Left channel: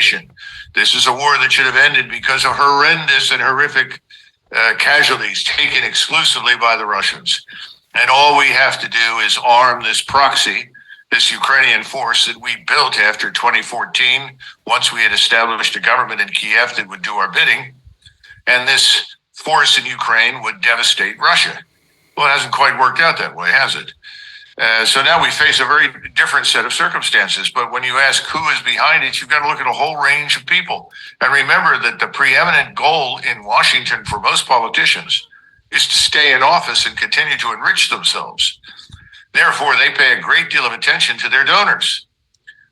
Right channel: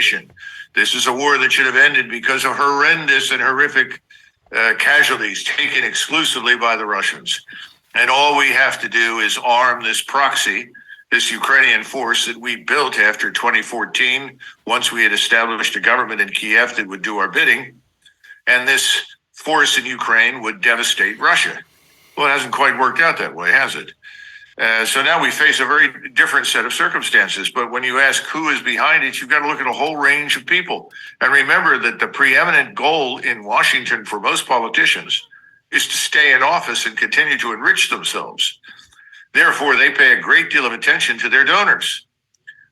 ammunition. This is a war that should have ended because of horrendous and horrific casualties taken exclusively by the Russians. And all we have to do is arm this proxy, this Ukrainian force that we built after 2014, once we had established a government in Kiev that would do our bidding. And this force in Ukraine would devastate Russia. Well, it hasn't quite worked out that way, has it? So now we face a very different set of circumstances. But when you ask who is behind it, you've got to look at a whole range of people. And remember that the preeminent goal in Washington for most politicians is to stay in office and continue to enrich themselves. Therefore, they pay a great deal of attention to their donors.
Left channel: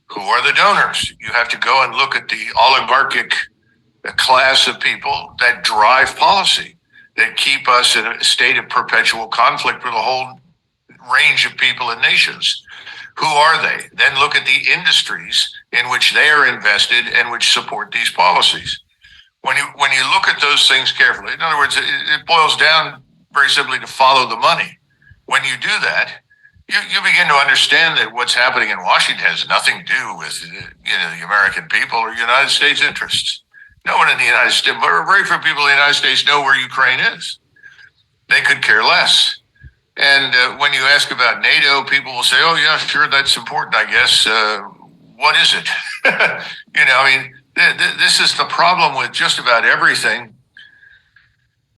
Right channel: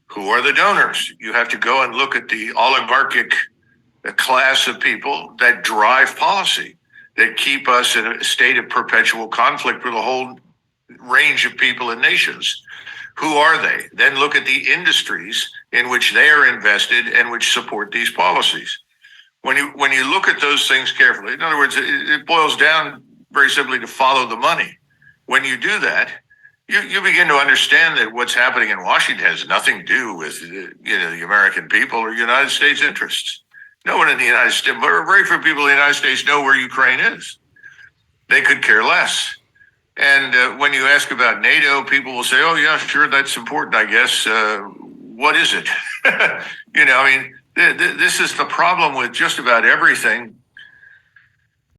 Who are the donors? You have to go and look at the oligarchic class of people that drive policy, that keep us in a state of perpetual conflict with a whole range of people and nations. Who are they? Then look at the industries in which they are invested and which support these policies. When you look at those things carefully, in other words, it boils down very simply to follow the money. When you do that, you begin to understand that what's happening in Washington has nothing to do with the American people or United States interests. No one in the United States, very few people in the United States know where Ukraine is. They could care less. And when you ask about NATO, people will say, oh, yeah, sure, that's important, I guess. What is it? This is the problem with just about everything